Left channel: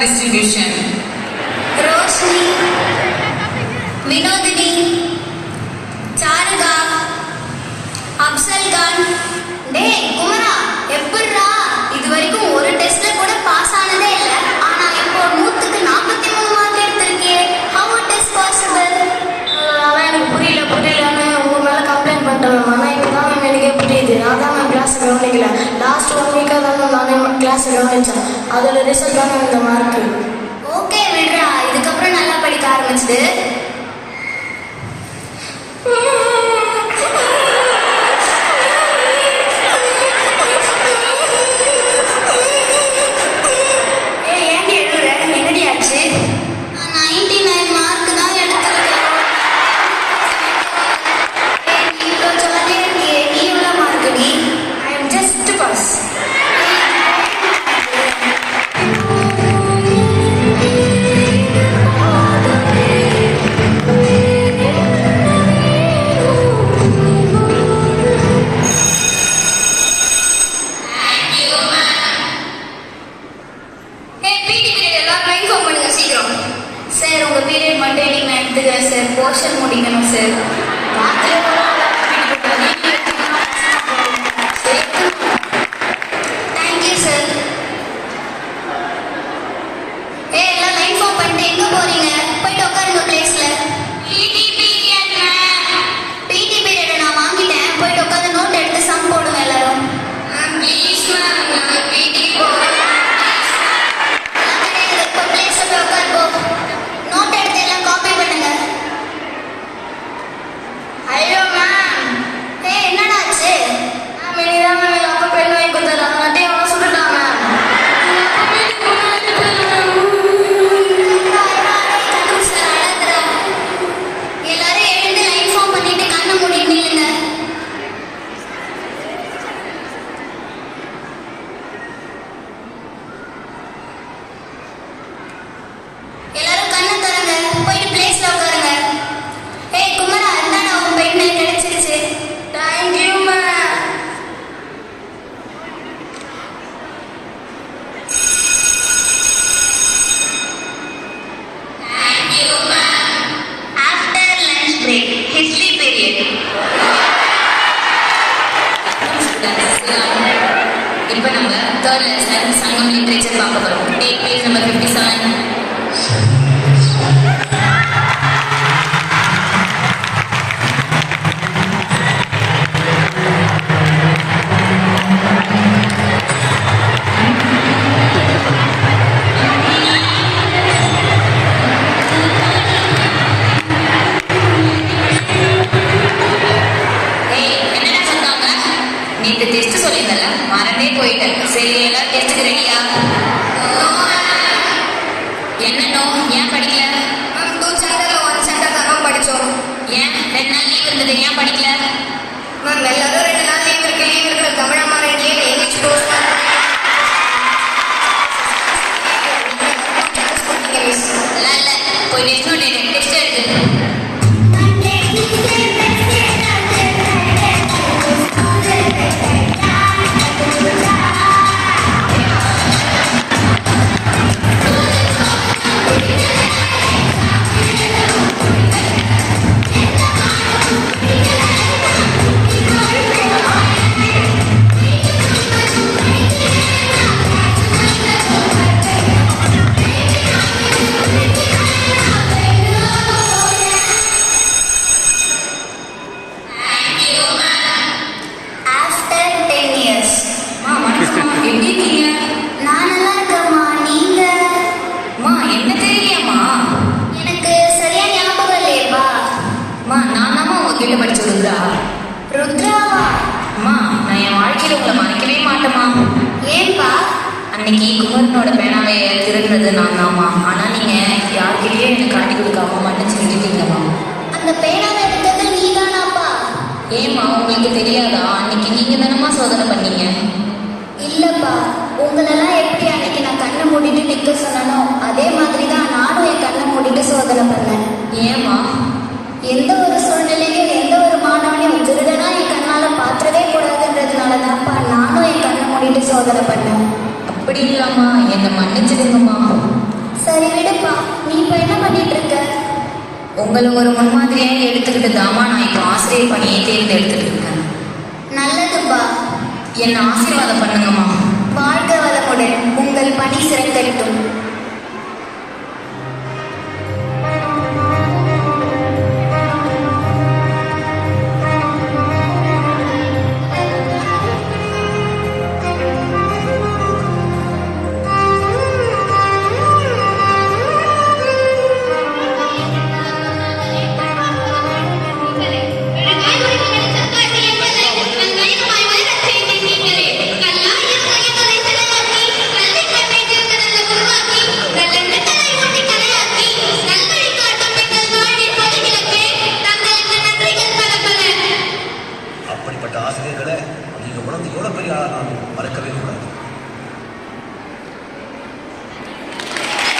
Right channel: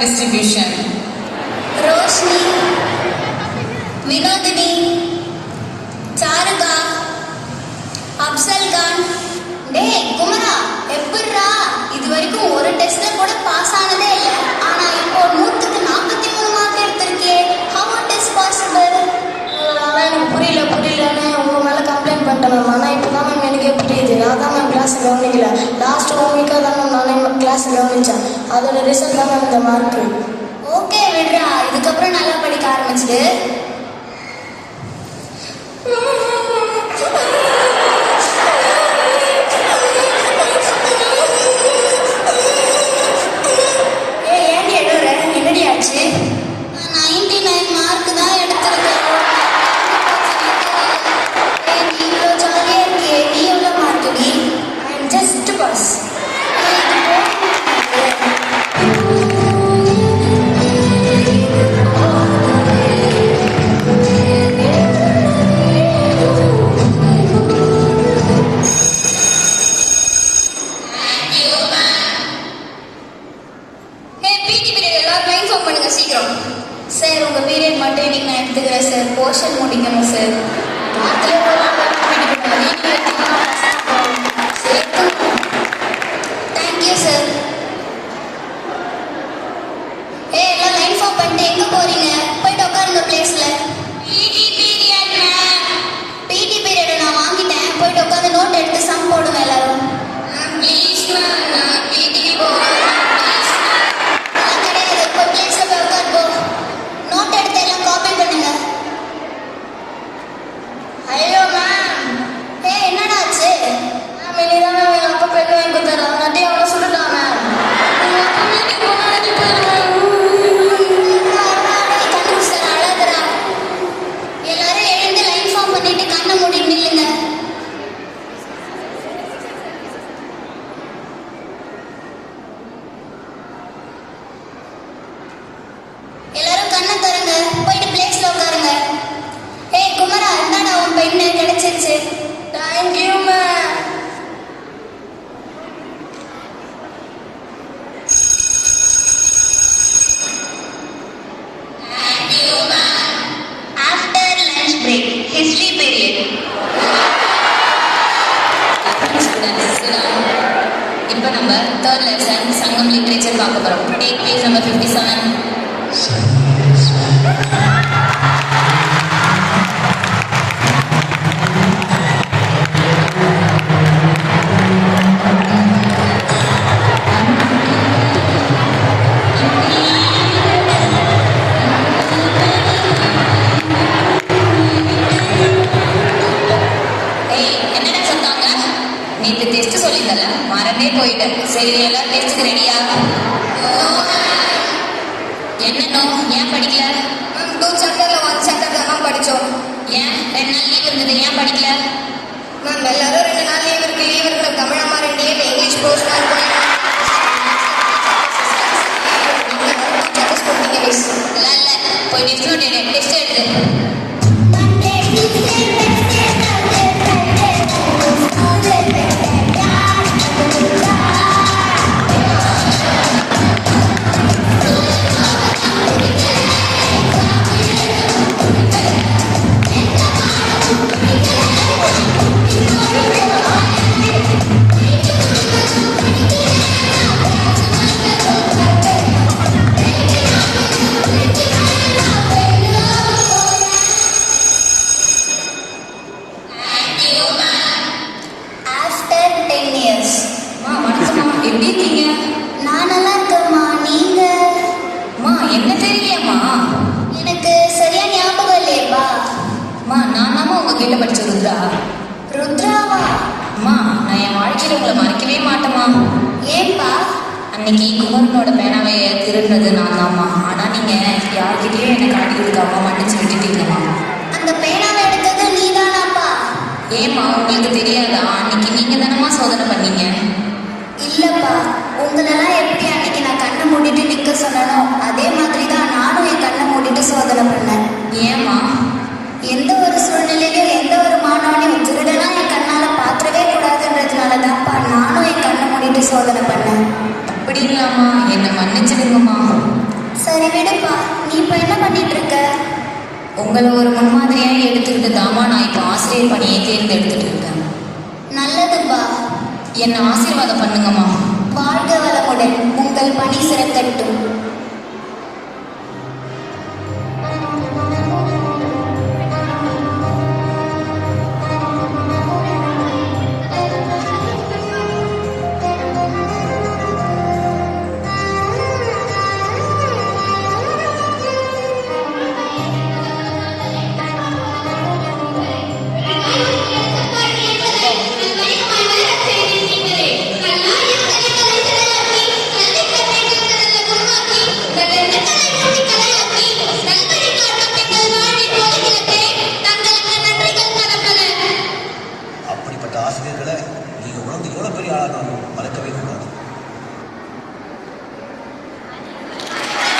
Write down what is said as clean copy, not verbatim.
distribution. Roshni, Vinodini, Charga, Afzal Khan. டேய் குமரா, எப்படிடா இது வரைக்கும் ஒரு டெஸ்ட்ல கூட பாஸ் ஆனதே இல்ல. ஆனா இப்போ 100க்கு 43 mark எடுத்திருக்கே. How it is possible? எனக்கு புரியலன்னு உங்க மேல கம்ப்ளைண்ட் பண்ணிட்டேன். ஆனா இப்பதான் எனக்கே புரியுது. நான் தான் மேம் கிளாஸ் கவனிக்கல. லாஸ்ட் 1 வீக்கா தான் நானே கிளாஸ் கவனிச்சேன். அதோட ரிசல்ட் தான் இந்த மார்க். ஓகே விடுறா, இதுக்கப்புறம் நல்லா படிக்க ஆரம்பிச்சிடு. சார் உங்க பீரியட் மட்டும் நீங்க எடுத்துக்கிறேன் சார். போர்ஷன் முடிக்கணும் சார். Thank you sir. எல்லாம் லைன் ஃபார்ம் பண்ணிட்டு எங்க போறீங்க? போயிட்டு உட்காருங்க பிளேஸ்ல. பிடி பீரியட் நான் வாங்கிட்டேன். போயிட்டு உட்காந்து நோட் எடுத்து சம் போடுங்க எல்லாரும். உங்களை ஒரு முன்மாதிரியே எடுத்துக்கிட்டு தாமா நான் இப்போ ஆசிரியர் பணியை தேர்ந்தெடுத்துட்டு இருக்கேன். நல்லதுப்பா. என்னை ஆசீர்வாதம் பண்ணுங்க